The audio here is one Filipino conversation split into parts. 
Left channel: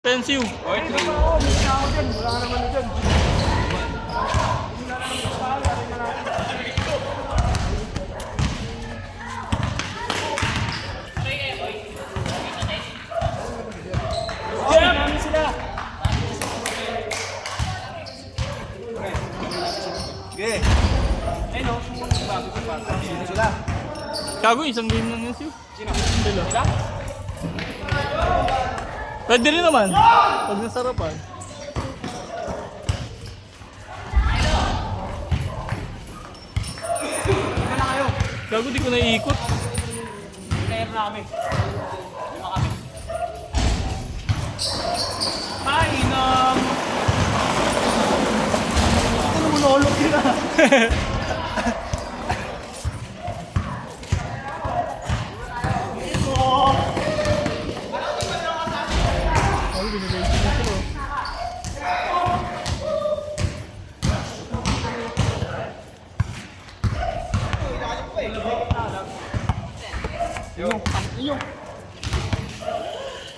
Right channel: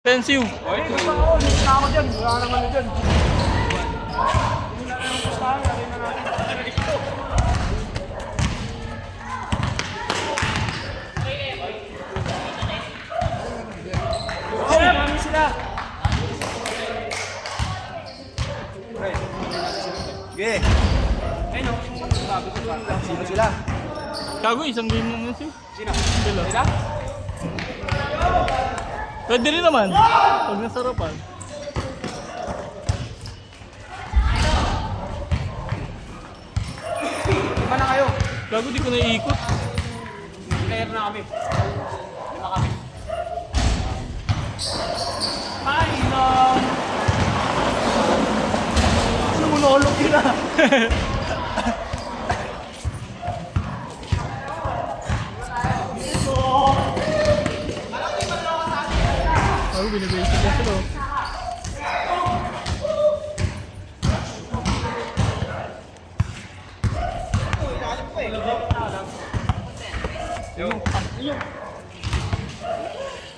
Pensive. Okay, hindi pa ako. Hindi na ako dyan. Wala naman na dyan. Oh, dami sila. Sige. Ayun o. Sino sila? Gago, isang game lang yan siya. Sino? Sila? Pwede rin naman. Pag nasarapan. Lima na kayo. Gago, di ko naiikot. Kaya na kami. Lima kami. Painom! Ano mo naulog nila? Gago, binibase ko sila.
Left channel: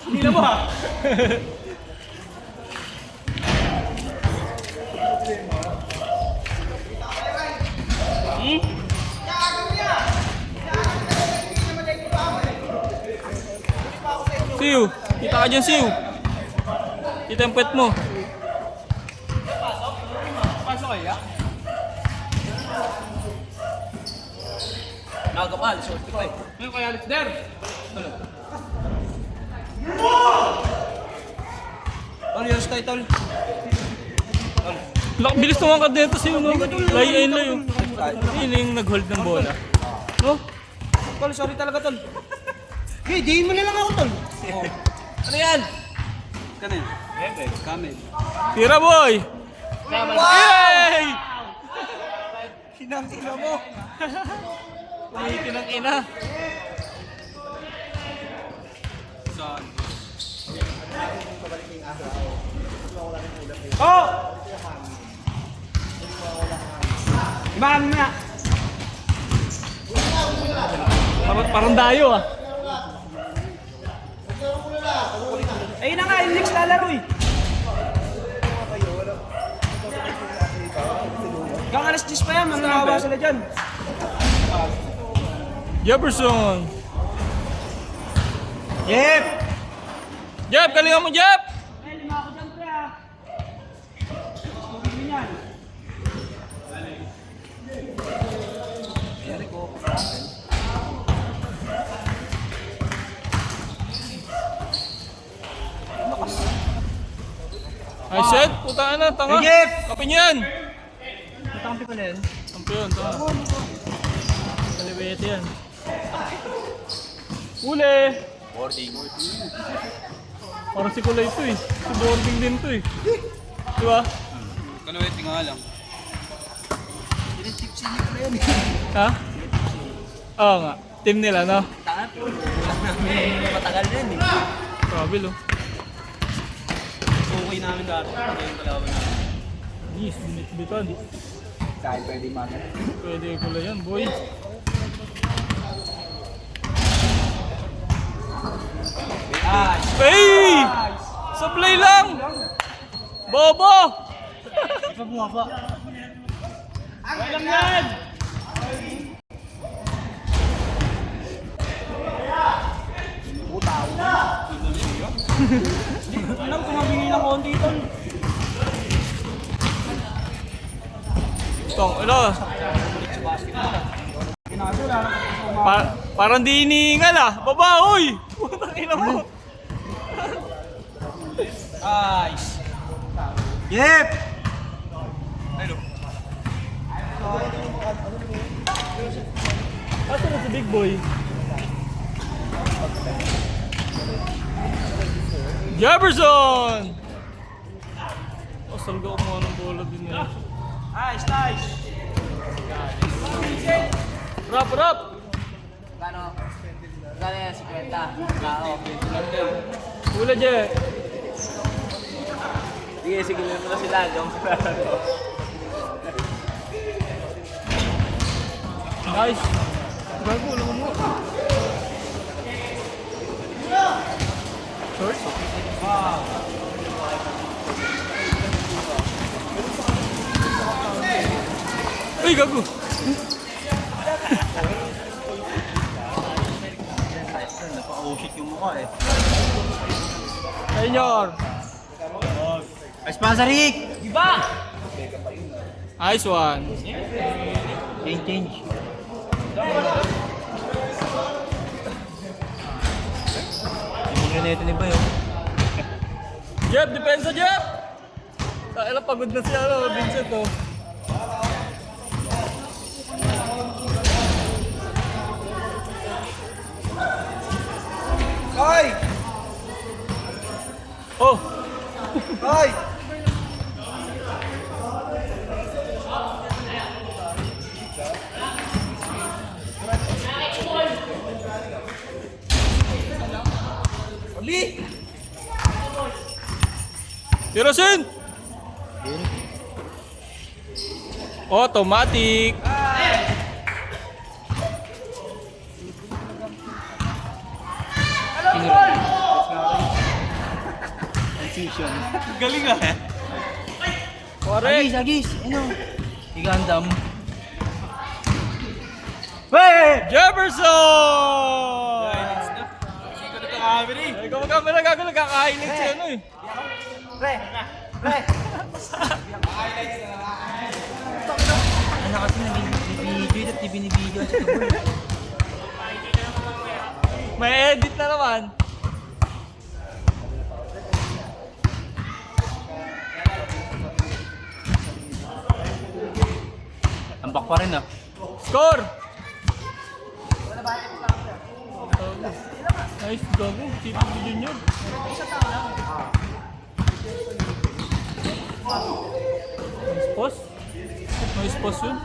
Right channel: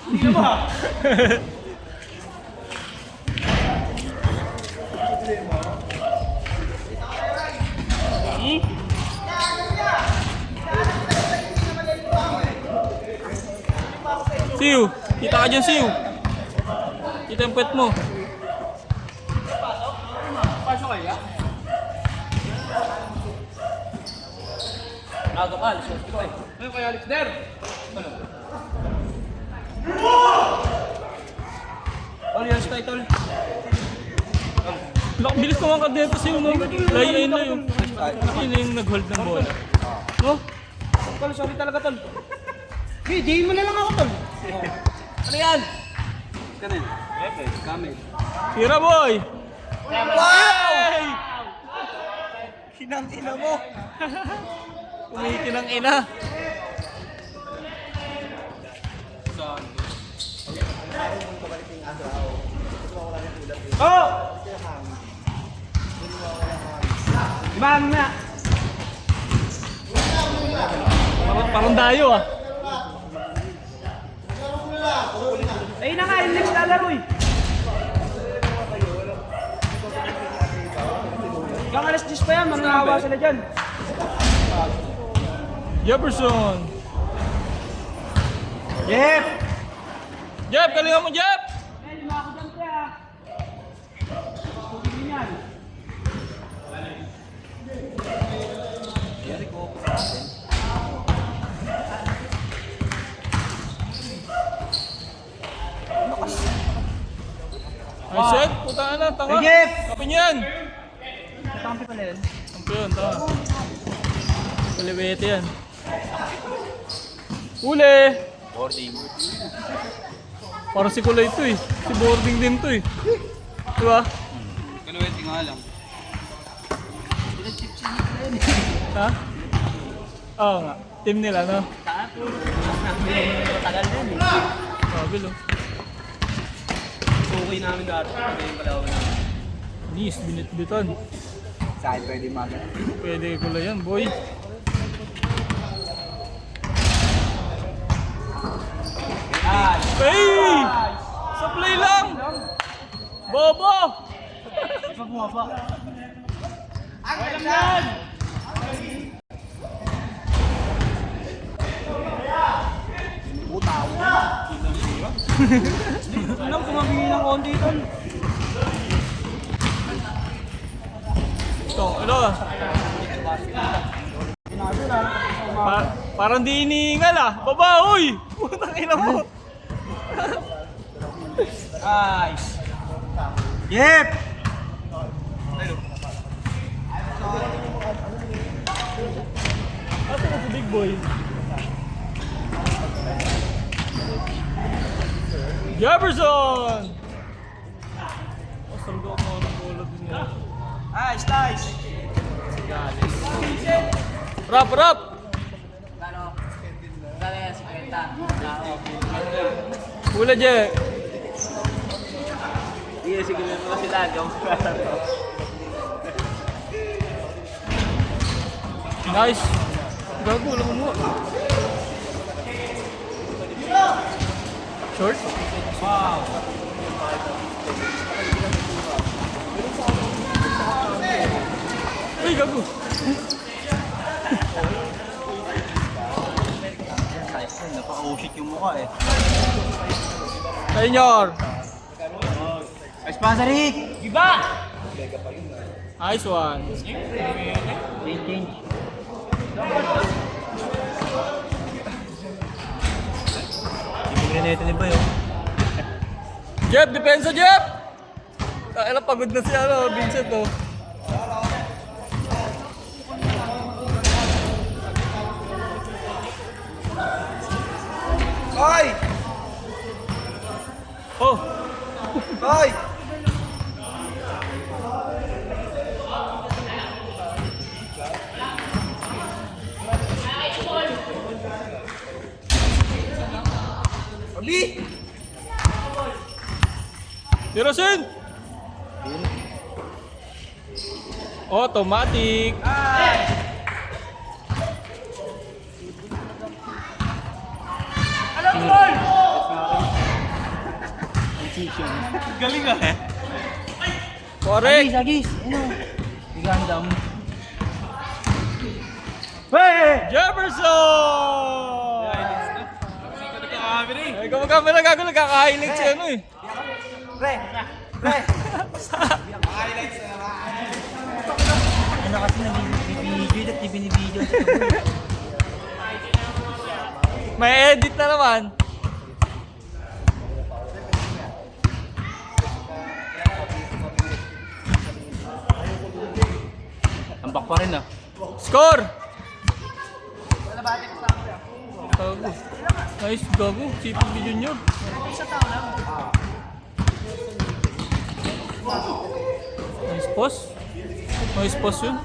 Hindi na ba? Siu, kita ka dyan, Siu. Kita yung pet mo. Pasok kaya? Nagapal, so ito eh. Ngayon kaya Alex Der. Ano? All yours title. Bilis naman ka dito, Siu, no? Layain na yun. Yun yung nag-hold ng bola. No? Tol, sorry talaga tol. Hey, diin mo na lang ako tol. Ano yan? Kanin. Kanin. Tira, boy! Wow! Kinang-ina mo. Umiitin ang ina. Oh! Ibahan mo na. Parang dayo, ah. Ayun na nga, yung next lalaro eh. Hanggang alas 10 pa yan, mananawa sila dyan. Jefferson! Yep! Jeff, galingan mo, Jeff! Eh, lima ako dyan pre ah. Tubig din yan. Ay, set! Putaan na, tanga! Jeff! Kapin yan! Kampi ko na yan. Sampo yun, tanga. Kaliwete yan. Uli! Boarding. Parang si Kulay ito eh. Si boarding din to eh. Diba? Kanuwete nga lang. Ha? Oo nga. Team nila, no? Matagal din eh. Grabe, lo. Okay namin dati. Yung kalawan namin. Nis, binit-bitan. Saan pwede man. Pwede Kulay yan, boy. Hey! Supply lang! Bobo! Di pa bumaba. Walang yan! Anong tumabingi ng konti tol? Tong, ano? Parang di iniingal ah. Baba, oy! Putang ina mo. Nice! Yep! Asa na si Big Boy? Jefferson! Asal ko ako ng bola din nila. Nice, nice! Rap, rap! Kano? Kano yan? 50? Tao. Wala dyan. Sige, sige mo na sila. Joke lang. Nice. Gago, wala mo mo. Short? Wow! gago. Napaka-usik yung mukha eh. Senior. Ay, sponsor Rick! Nice one. Change. Yung granete ni Bayo. Jeff, depensa Jeff! Kailan pagod na siya, Vincent, oh. Ay! Oh! Ay! Ali! Tirasin! Automatic! Galing ah! Correct! Agis! Ano? Igandam. Jefferson! Kameri! Ay, kamagkama na gago, nagkaka-highlight siya, ano eh. Ano kasi nabibidyo at binibidyo sa kabul. May edit na naman. Tambak pa rin ah. Score! Nice, gago. Sipag ni Junior. Nice pause. Nice pause yun.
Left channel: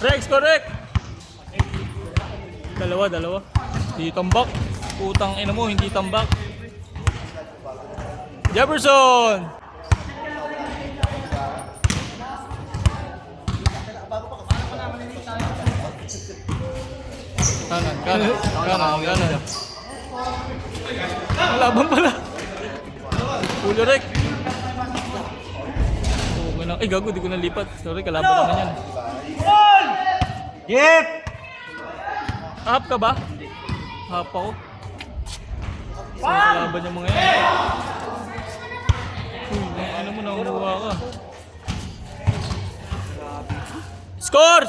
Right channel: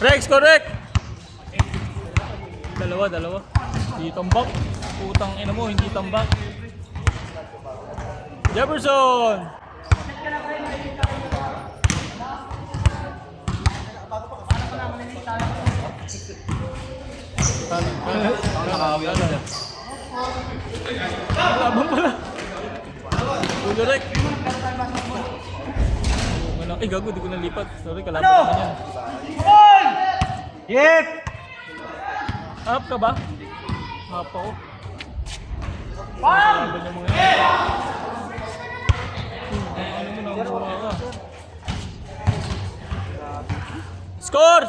Rex, correct! Dalawa. Hindi tambak. Putang ina mo, hindi tambak. Jefferson! Kanan. Laban pala. Ulo rek. Ay gago, di ko nalipat. Sorry, kalaban naman yan. Yep! Up ka ba? Up ako. Kalaban niya mo ngayon. Ano mo nanguha ka? Score!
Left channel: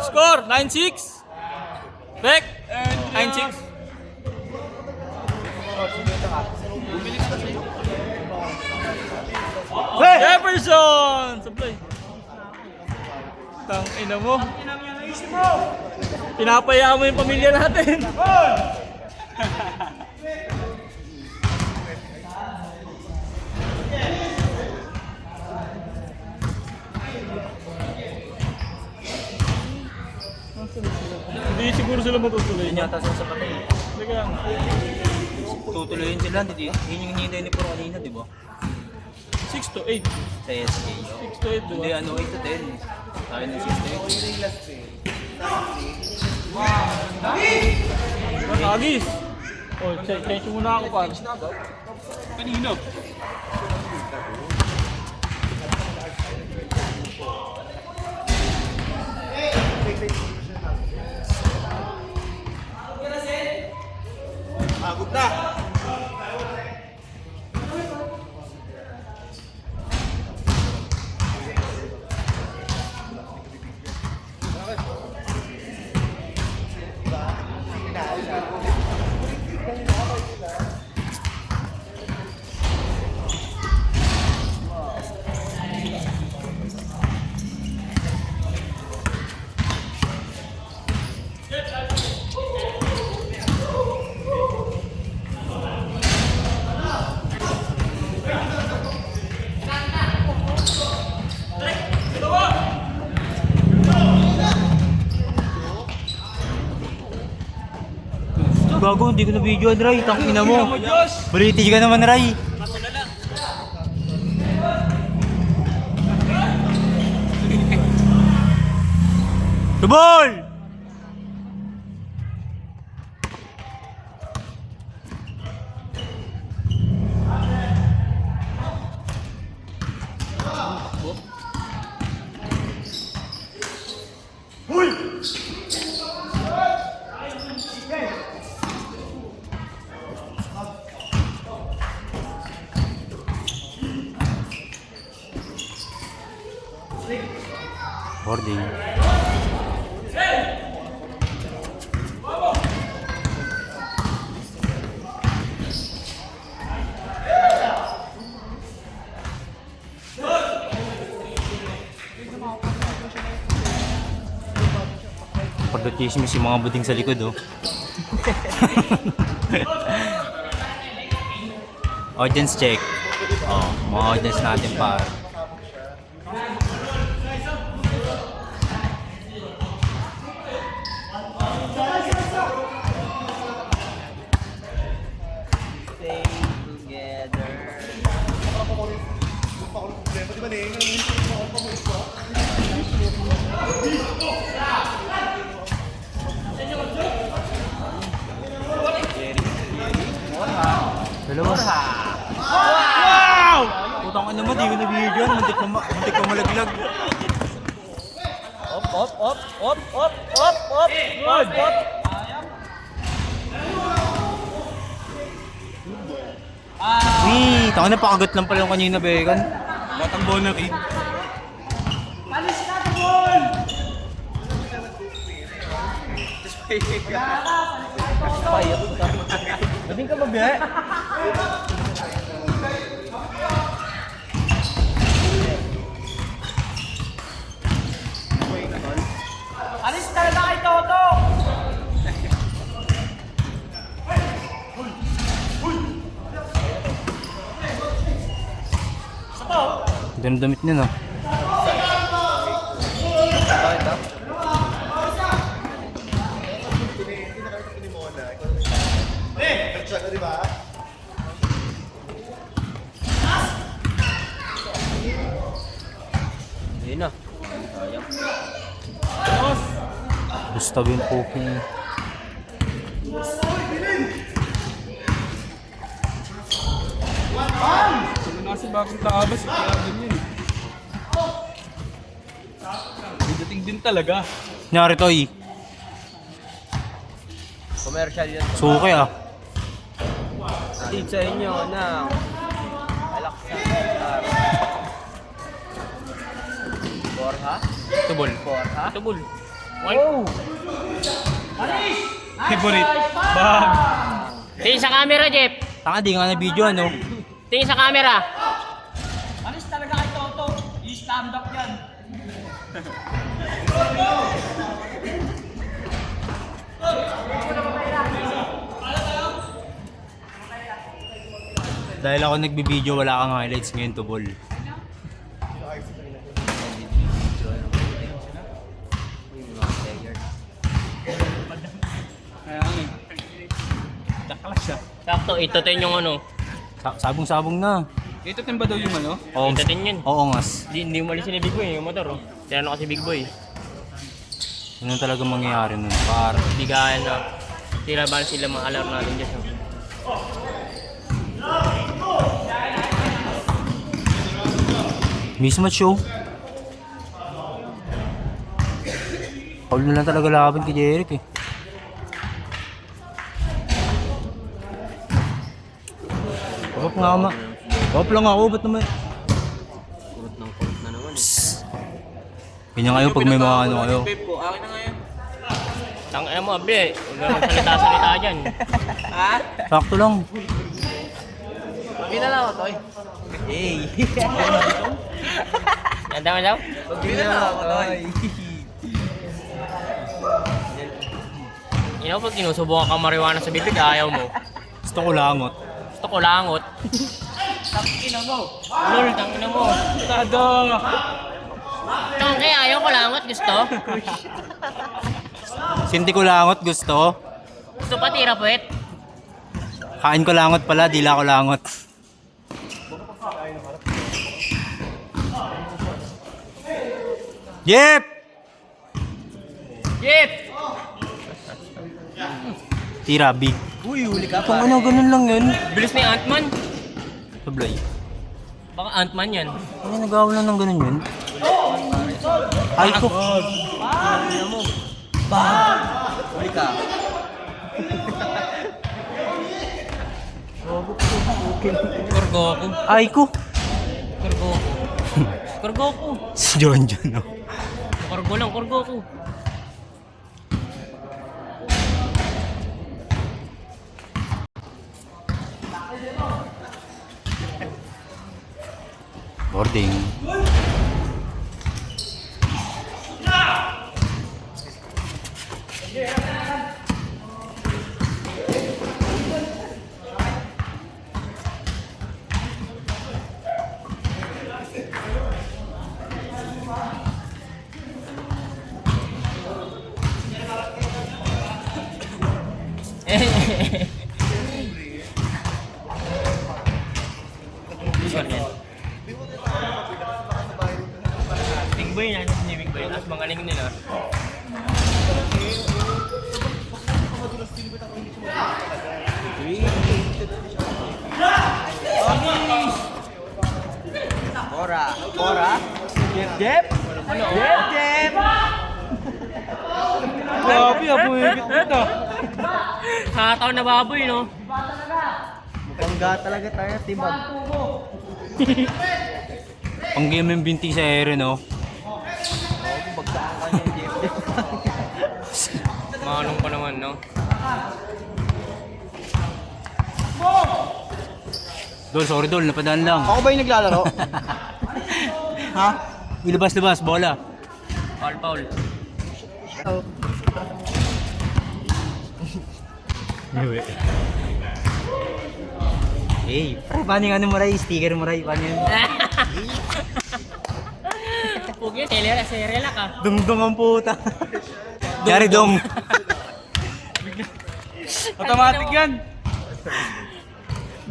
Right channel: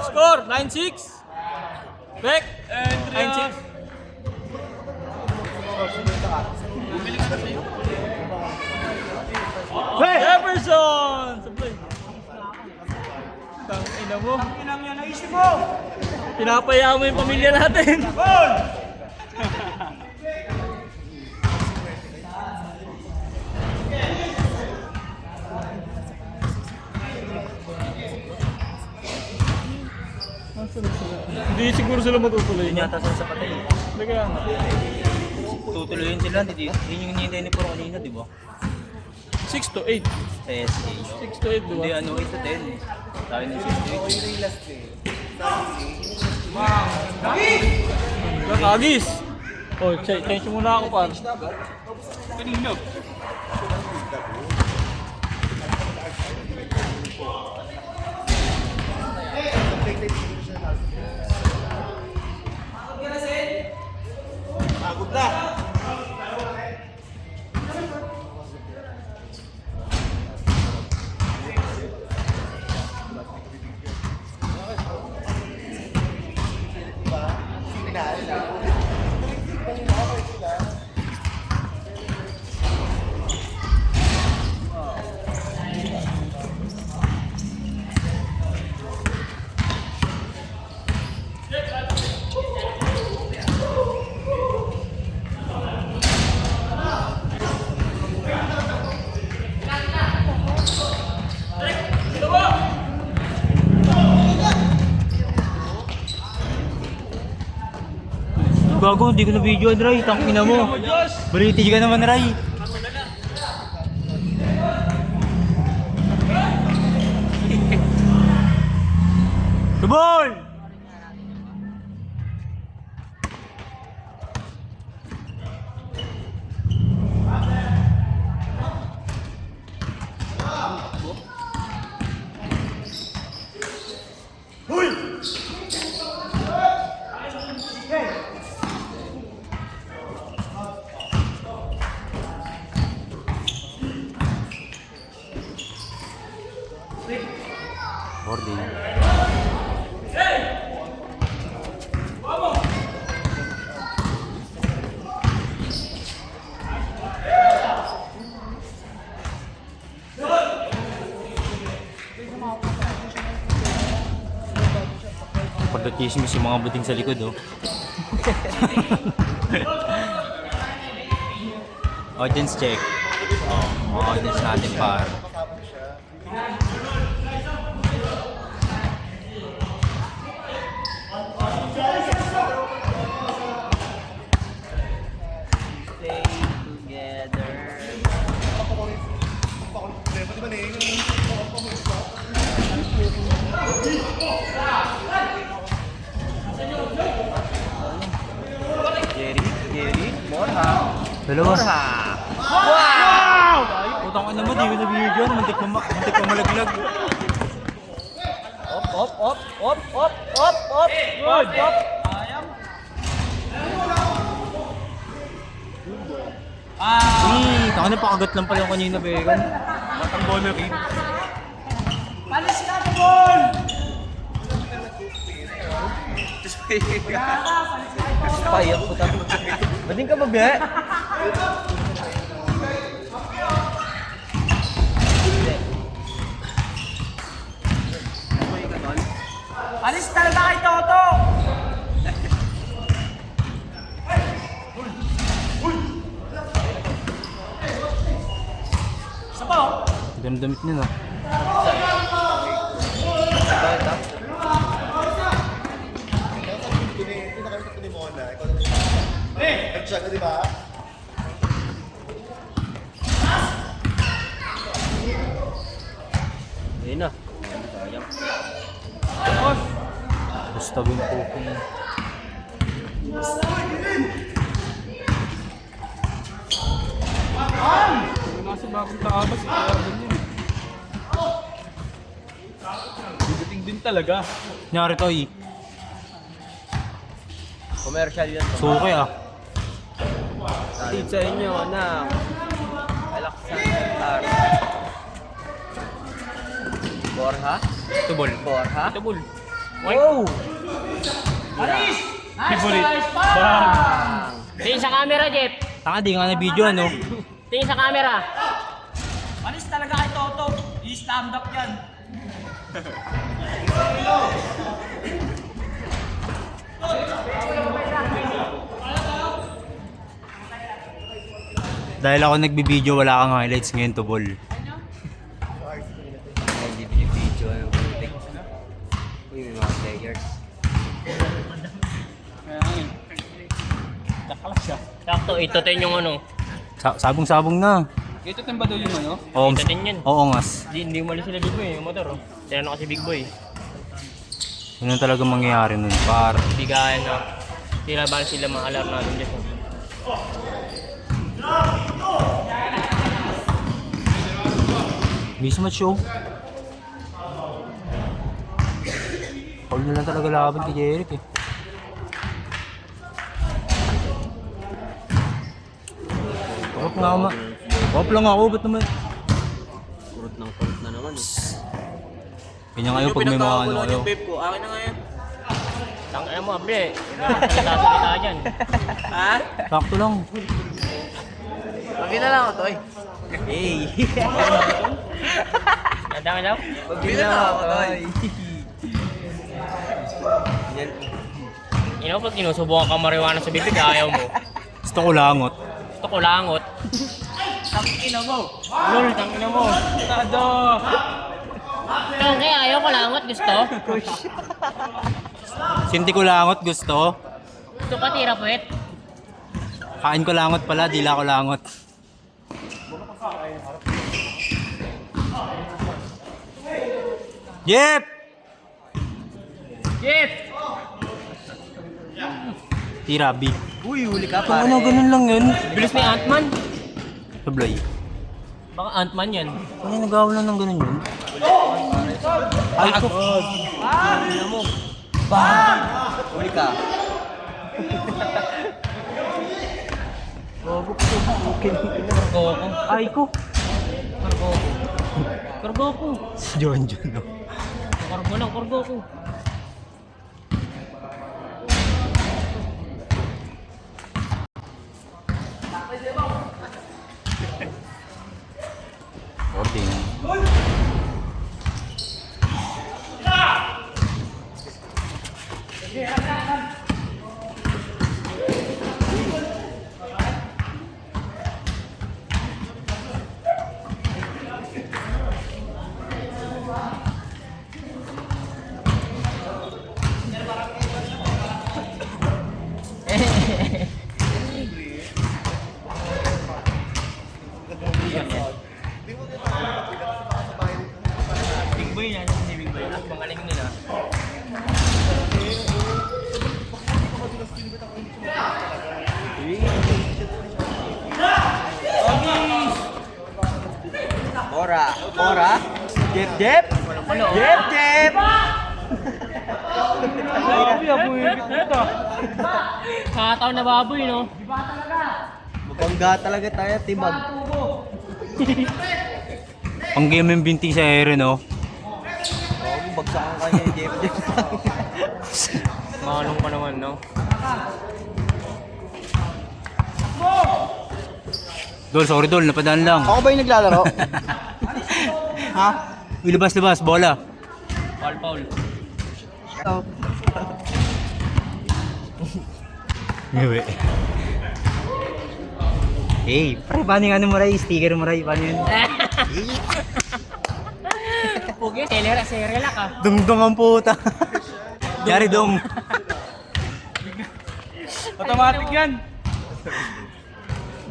9-6! Rek! 9-6! Bumili ka na sa'yo? Jefferson! Sablay. Tang ina mo. Pinapaya mo yung pamilya natin. Hindi siguro sila matutuloy. Yun yata sa patay. Hindi kaya nga. Tutuloyin sila, hindi. Yun yung hinihintay ni Puro kanina, di ba? 6 to 8. Sa SK. 6 to 8, Hindi, diba? 8 to 10. Tayo ng 6 to 8. Agis! Oh, change muna ako pa. Kanina. Bago, hindi ko na video, Ray. Tangina mo. Baliti ka naman, Ray. The ball! Boarding. Pagka-chismis yung mga buding sa likod, oh. Audience check. Mga audience natin, par. Stay together. Dalawa. Wow! Putang ina mo, di ko nabibigyan. Mantik pa malaglag. Op. Taka na pakagat lang pala kanina, Began. Matambo na rin. Payat po tayo. Bading ka ba, Bihe? Alis talaga kay Toto! Ito na damit niya, no? Bakit ah? Ayun na. Sayang. Gusto yung poking. Nasa bagong taabas, kaya ganyan. Dating din talaga. Nyari to, eh. Commercial yan. Suki, ah. Hatid sa inyo ng Alaksan. Borha? Tubol. Borha? Tubol. Wow! Favorite. Tingin sa camera, Jeff. Taka, di nga na video, ano? Tingin sa camera. Alis talaga kay Toto! I-stand up yan! Dahil ako nagbibideo, wala kang highlights ngayon, tubol. Nag-video yung meeting. Uy, may mga players. Takala siya. Sakto, itotin yung ano. Sabong-sabong na. Ito din ba daw yung ano? Oo, Itotin yun. oo ngas. Hindi umalis sila Big Boy, yung motor. Oh. Tinanong kasi Big Boy. Yun ang talagang mangyayari nun, par. Hindi kaya na. Tira ba sila maalar natin dyan. Mismatch show. Paul na lang talaga laban kay Jeric, eh. Wap nga ma. Wap lang ako, ba't naman? Kurot ng kurot na naman eh. Ganyan kayo pag may mga ano kayo. Babe ko, akin na ngayon. Ang ano mo, Bre. Salita dyan. Ha? Sakto lang. Pabila lang ako, Toy. Hey! Ganda mo lang? Pabila lang ako, Toy. You know, pag sinusubukan ka marijuana sa bibig, ayaw mo. Gusto ko langot. Gusto ko langot. Lol, tangina mo. Tado! Tangke, ayaw ko langot, gusto. Hindi ko langot, gusto. Gusto pa tira puwet. Kain ko langot pala, dila ko langot. Yep! Jeff! Tira, big. Uy, huli ka Kung ano, ganun lang yun. Bilis ni Ant-Man. Sablay. Baka Ant-Man yan. Ano nagawa lang ng ganun yun? Ay ko. Ina mo. Bag! Huli ka. Kurgoku. Ay ko. Kurgoku. Kurgoku. Si John, no? Kurgoku. Walang kurgo ko. Boarding. Big boy na, si Big boy. Tapos mga galing nila. Ora. Jep, jep. Jep, jep. Grabe, buwibit na. Nakataon na baboy, no? Bangga talaga tayo, timag. Pang game yung binti sa ere, no? Bagsakan ka niya yung jep, jep. Manong pa naman, no? Dol, sorry Dol, napadaan lang. Ako ba yung naglalaro? Ha? Ilabas-labas, bola. Paul. Ngawi. Hey, pre, paano yung ano mo ray? Sticker mo ray? Paano yung... Pugi, serela ka. Dungdong ang puta. Yari dong. Automatic yan.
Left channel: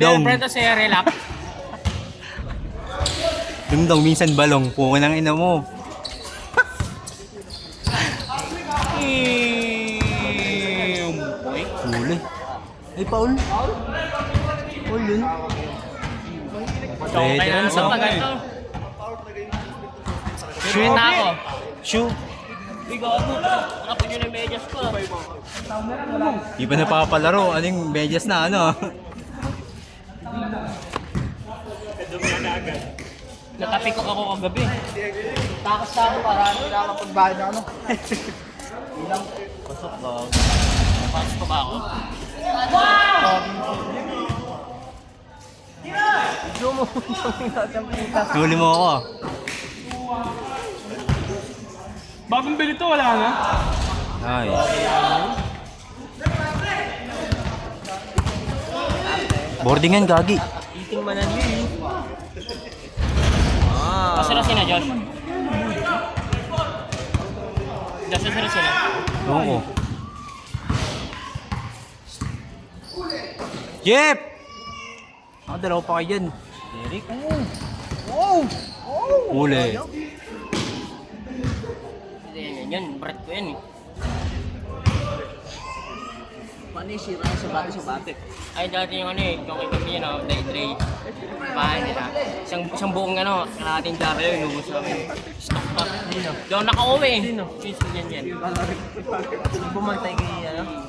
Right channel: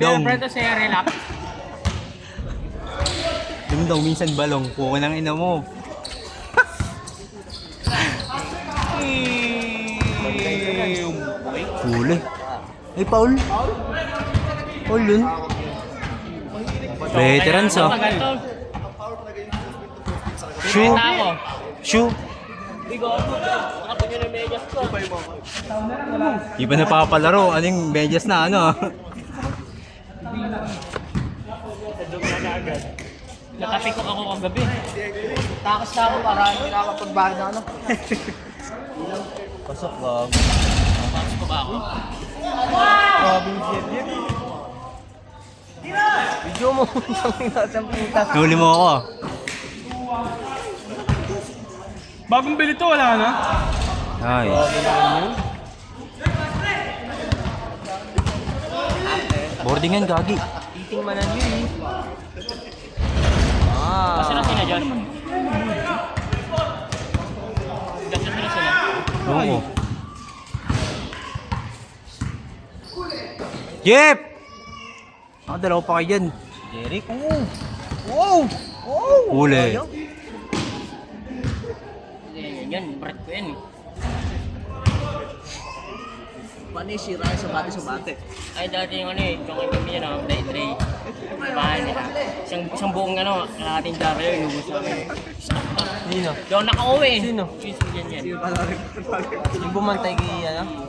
Dong. Pero ito serela. Dungdong, minsan balong. Puko ng ina mo. Huli. Ay, Paul. Paul yun. Veterans, oh. Shoe. Ako. Shoe. Nakapun yun yung medyas ko. Di pa napapalaro. Anong medyas na ano? Natapik ko ako kagabi. Takas na ako para hindi nakakapagbayad na ano. Pasok lang. Pasok pa ba ako? Video mo. Something na sa puta. Nahuli mo ako. Bagong bili to, wala na. Ay. Boarding yan, gagi. Eating man ang yun. Kasi na sila, Josh. Josh, na sila. Oo ko. Yep! Ako dalawa pa kayo dyan. Derek. Huli. Yan, bread ko yan. Paano yung sira yung sabate? Ay, dati yung ano eh, yung ibang niya, no, Dre. Bahay nila. Isang buong ano, kalahating jaro yun, inubos namin. Stock pa. Doon nakauwi. Sino? Yan. Yung bumantay kay ano?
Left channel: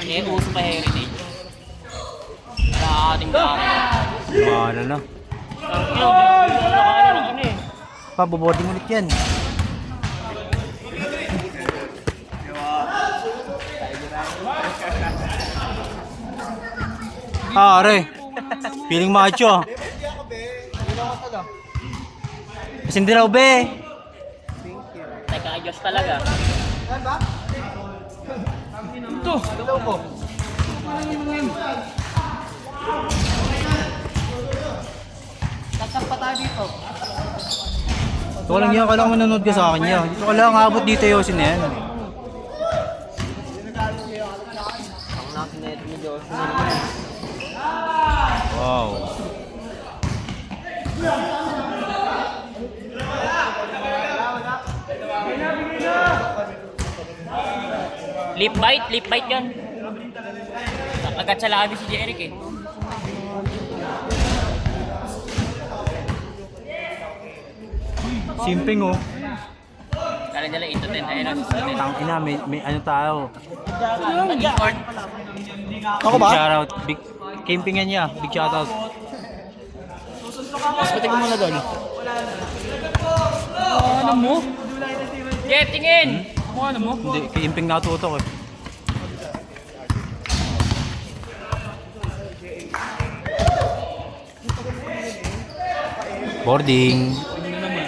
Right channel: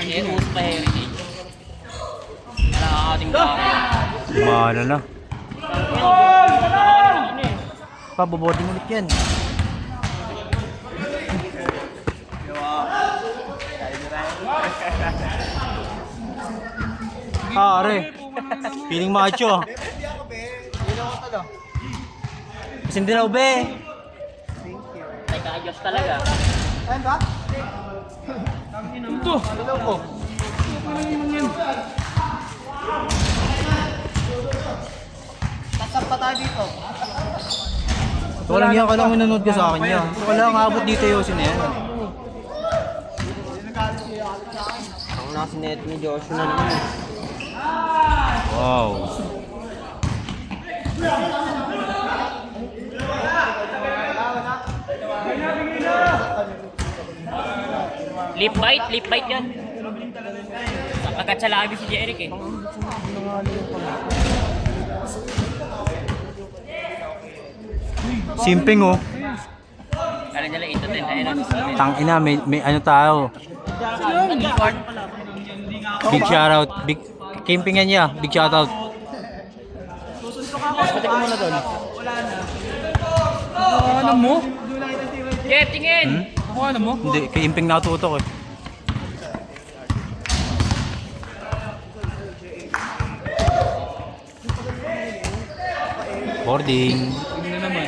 Eh, uso pa heritage. Kalahating jaro. Mana na. Nakakaano ng ano eh. Paboboarding ulit yan. Ah, are. Feeling macho. Kasi hindi raw be. Teka, Diyos talaga. Ito. Tatampa tayo dito. Walang yan, kailangan manonood ka sa akin yan. Kailangan abot dito yung na yan. Ang nasa net ni Joshua na naman. Wow. Lip bite yan. Agad sa labi si Jeric eh. Simping oh. Kala nila ito din. Tangina, may ano tayo. Discord. Big shoutout. Big campingan niya. Big shoutout. Ano mo? Jeff, tingin! Hindi, kay Imping natutok eh. Boarding. Ano naman?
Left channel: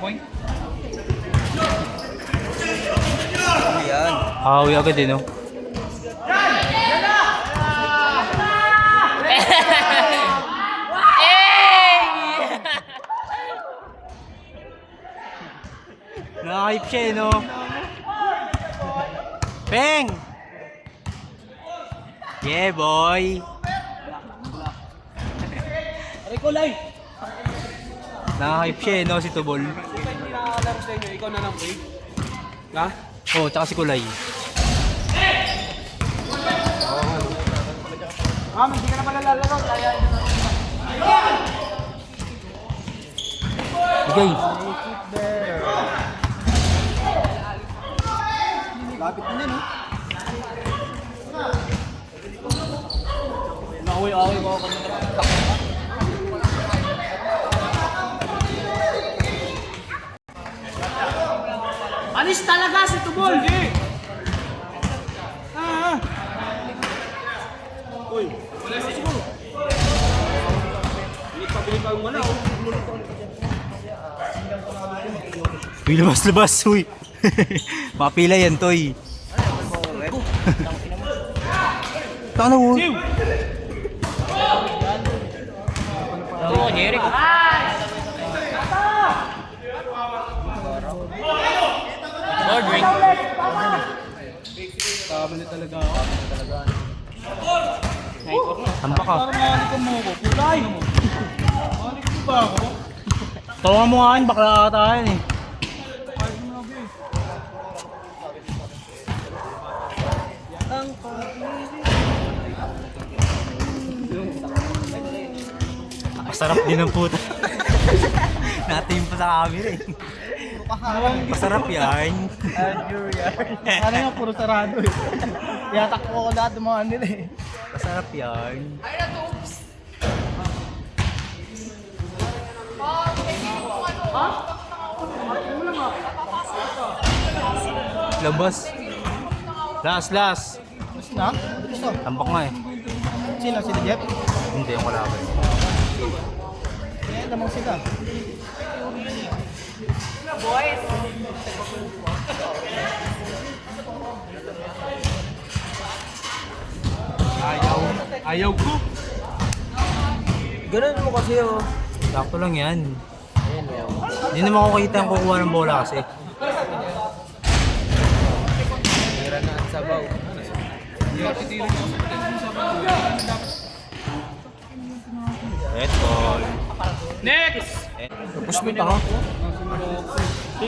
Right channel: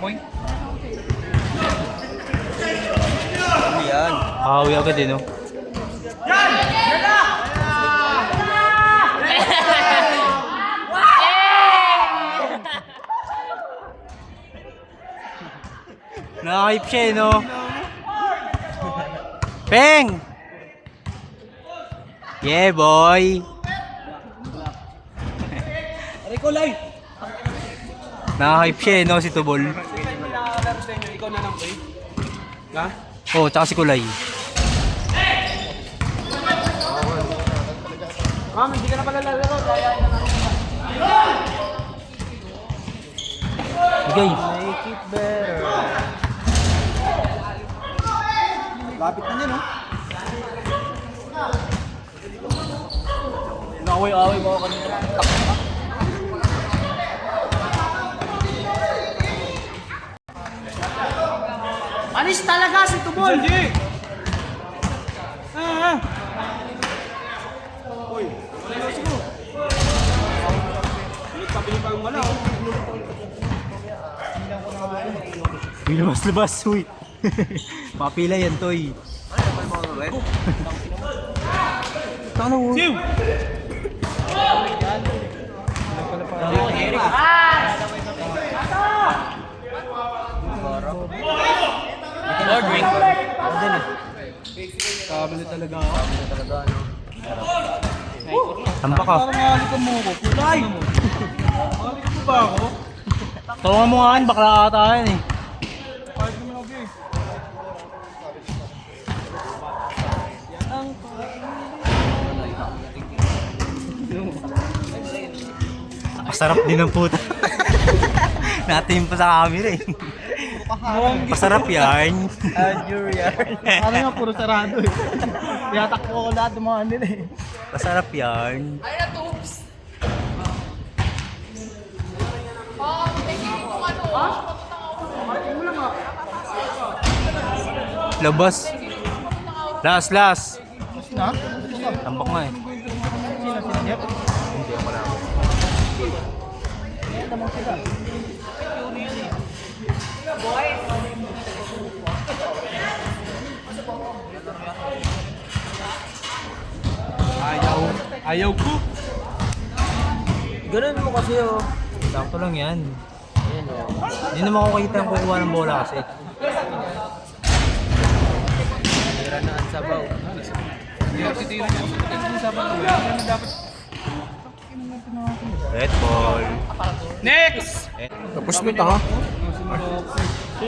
Boy. Ano yan? Hawi agad eh, no? Nakahype siya eh, no? Peng! Yeah, boy! Ricolay! Nakahype siya eh, no? Si Tubol. Nakakalaro sa inyo, ikaw na lang, boy. Ha? Oh, tsaka si Kulay. Ma'am, hindi ka na pala lalaro. Layain na natin. Bigay. Lapit na niya, no? Nakaway-away ko kanina. Anis talaga si Tubol! Ah! Uy! Bilit pa wala, oh. Uy, labas-labas, uy. Papila yan, Toy. Ano mo? Siw! More drink. Kabili talaga. Tambak ka. Kulay! Balik mo ba ako? Tawangan mo nga akin, bakla ata yan eh. Balik mo na, babe. Masarap din ang puta. Natin pa sa camera eh. Masarap yan. Ano nga, puro sarado eh. Tiyatakbo ko lahat ng mga nila eh. Masarap yan. Labas. Last. Mas na? Tambak nga eh. Sino? Sino Jeff? Hindi, wala. Eh, namang sila. Ayaw ko. Ganun mo kasi oh. Sakto lang yan. Ayan oh. Hindi naman ako kita yung kukuha ng bola kasi. Hira na ang sabaw. Red ball. Next! Tapos mo ito ha?